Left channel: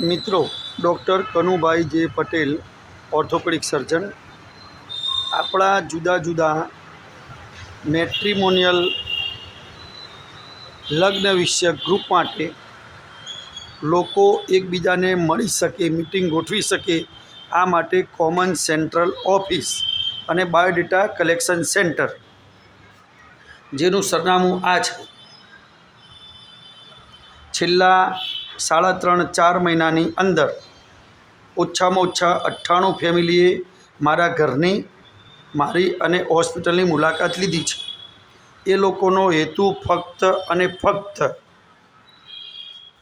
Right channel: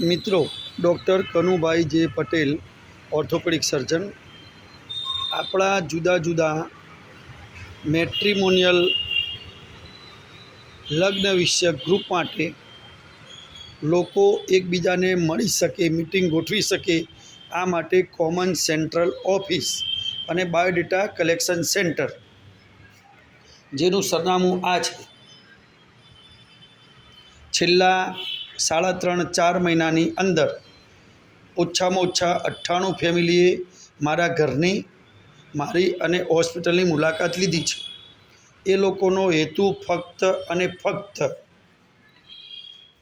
મિત્રો, ડૉક્ટર કનુભાઈ જે પટેલ, ઓર્થોપેડિક સર્જન, આપણા જુદા જુદા મેટ્રિમોનિયલ લગ્ન વિષયક ગ્રુપ માટે લોકો એકબીજાને મળી શકે, મિટિંગ ગોઠવી શકે, આ માટે કોમન સેન્ટ્રલ ઓફિસ અને બાયોડેટા કલેક્શન સેન્ટર, જેનું સરનામું આ છે. છેલ્લા 3.5-4 મહિનાની અંદર ઓછામાં ઓછા 98 ફેમિલીએ મારા ઘરની, મારી અને હોસ્પિટલની મુલાકાત લીધી છે. એ લોકોનો હેતુ ફક્ત અને ફક્ત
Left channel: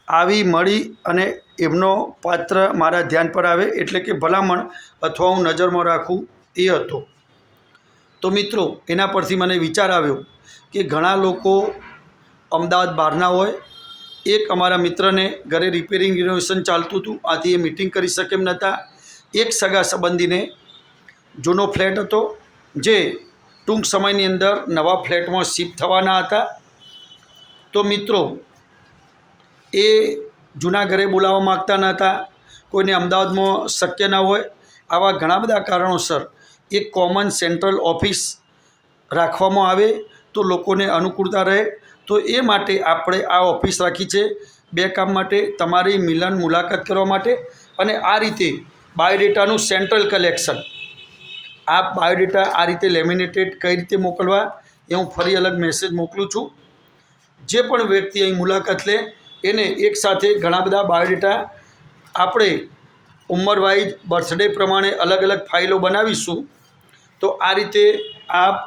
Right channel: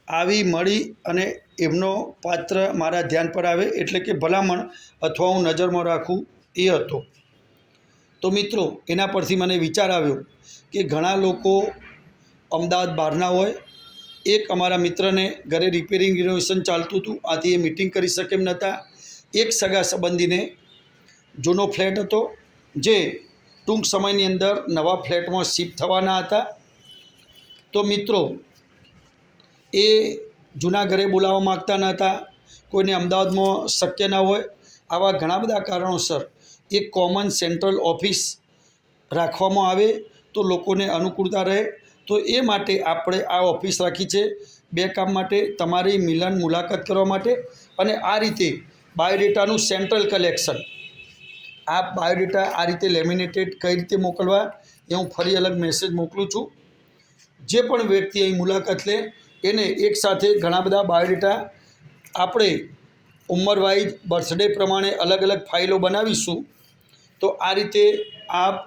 આવી મળી અને એમનો પાત્ર મારા ધ્યાન પર આવે, એટલે કે ભલામણ અથવા હું નજરમાં રાખું, એ હતો. તો મિત્રો, એના પરથી મને વિચાર આવ્યો કે ઘણા લોકો અમદાવાદ બહારના હોય. એક અમારા મિત્રને ઘરે રિપેરિંગ રિનોવેશન ચાલતું હતું, આથી એ મિટિંગ કરી શકે એમ નહોતા. એક સગા સંબંધીને જૂનો ફ્લેટ હતો, જે ટૂંક સમયની અંદર નવા ફ્લેટમાં શિફ્ટ થવાના હતા. તો મિત્રો, એ જૂના ઘરે બોલાવવા માગતા નહોતા, કોઈને અમદાવાદમાં શક્ય ના હોય. આવા ઘણા બધા કારણોસર એક કોમન સેન્ટ્રલ ઓફિસ રાખવામાં આવે તો લોકોને અનુકૂળતા રહે. તો એ માટે આપણે આ ઓફિસ રાખી છે, 2 કામ માટે: તમારી મિલન મુલાકાત કરવા માટે, અને આ રીતે બાયોડેટાનું સેન્ટ્રલ કલેક્શન. આ બાયોડેટા આ રીતે લેમિનેટેડ કઈ રીતે મોકલવા, એ હું ફરી અલગ મેસેજ મોકલું છું. જે પણ વ્યક્તિ અહીં મુલાકાત લે એને એકસાથે ઘણા બધા બાયોડેટા આપણે ઉંમર વાઇઝ, બર્થડે પ્રમાણે અલગ અલગ ફાઇલો બનાવીશું. તો આ રીતે આપ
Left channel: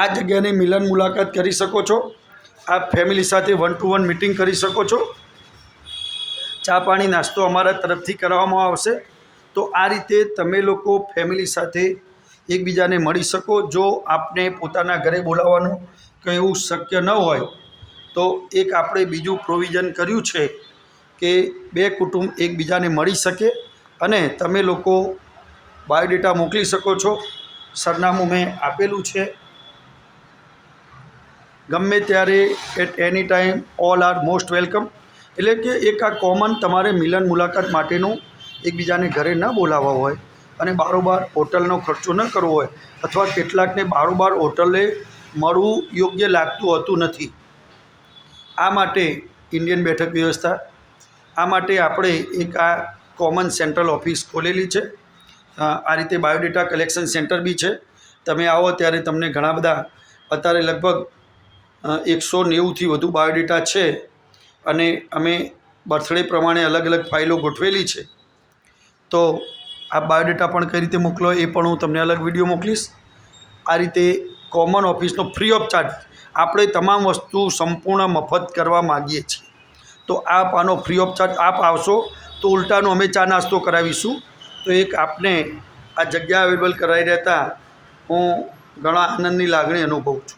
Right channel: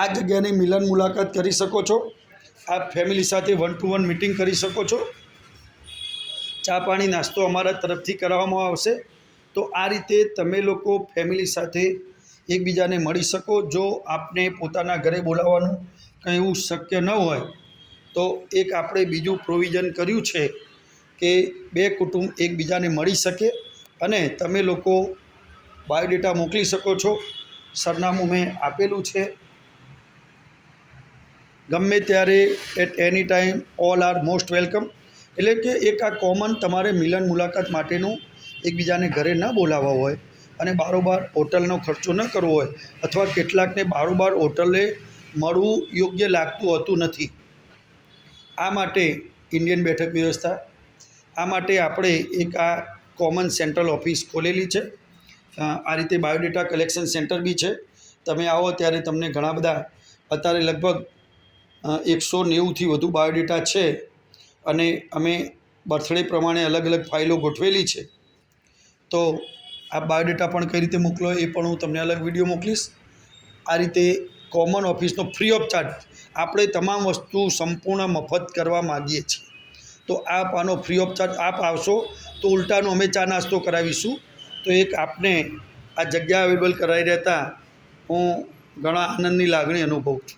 આ જગ્યાને મિલન મુલાકાત કરી શકો છો. આપ ફેમિલી સાથે 1-to-1 મિટિંગ કરી શકો છો. ચા પાણી નાસ્તો અમારા તરફથી કરવામાં આવશે. તો આ રીતે તમે લોકો ફેમિલી સાથે એકબીજાને મળી શકો. જો આપને પોતાના ઘરે બોલાવવાનું કંઈ એવું શક્ય ન હોય તો એક આપણે બીજું પ્રોવિઝન કર્યું છે કે 2 કુટુંબ એકબીજાને મળી શકે અને તમે લોકો બાયોડેટા મોકલી શકો છો. સરનામું મેં આપેલું છે. ગમે ત્યારે, at any time, all are most welcome. એટલે કે એક આ કોમન તમારે મિલન મુલાકાત માટેનું એકબીજાને ઘરે ન બોલાવવા હોય અને બારોબાર હોટલનો ખર્ચો ન કરવો હોય, અથવા કેટલાકને બારોબાર હોટલે મળવું યોગ્ય લાગતું હોતું નથી. આ માટે ઇન્ડિયન બેઠક વ્યવસ્થા, આ માટે આપણે એક આ કોમન સેન્ટ્રલ ઓફિસ ખોલેલી છે. આ રીતે બાયોડેટા કલેક્શન સેન્ટર બી છે. તમે આવો ત્યારે તમને ઘણા બધા, અત્યારે લગભગ 190થી વધુ બાયોડેટા છે અને અમે બર્થડે પ્રમાણે અલગ અલગ ફાઇલો ગોઠવેલી છે. તો આ બાયોડેટા પણ કઈ રીતે મોકલો એ પણ હું તમને અલગ વિડીયો મોકલીશ. આ રીતે કોમન ઓફિસનો ફ્રી ઓફ ચાર્જ, આપણે તમામ વસ્તુ સંપૂર્ણ મફત કરવા માગીએ છીએ. તો આપ આનો ફ્રી ઓફ ચાર્જ આપ આવશો તો ઉલટાનો અમે ચા નાસ્તો કરાવીશું. તો એક આપને આ જગ્યા અવેલેબલ કરાવી રહેતા હું ઘણા આનંદની લાગણી અનુભવું છું.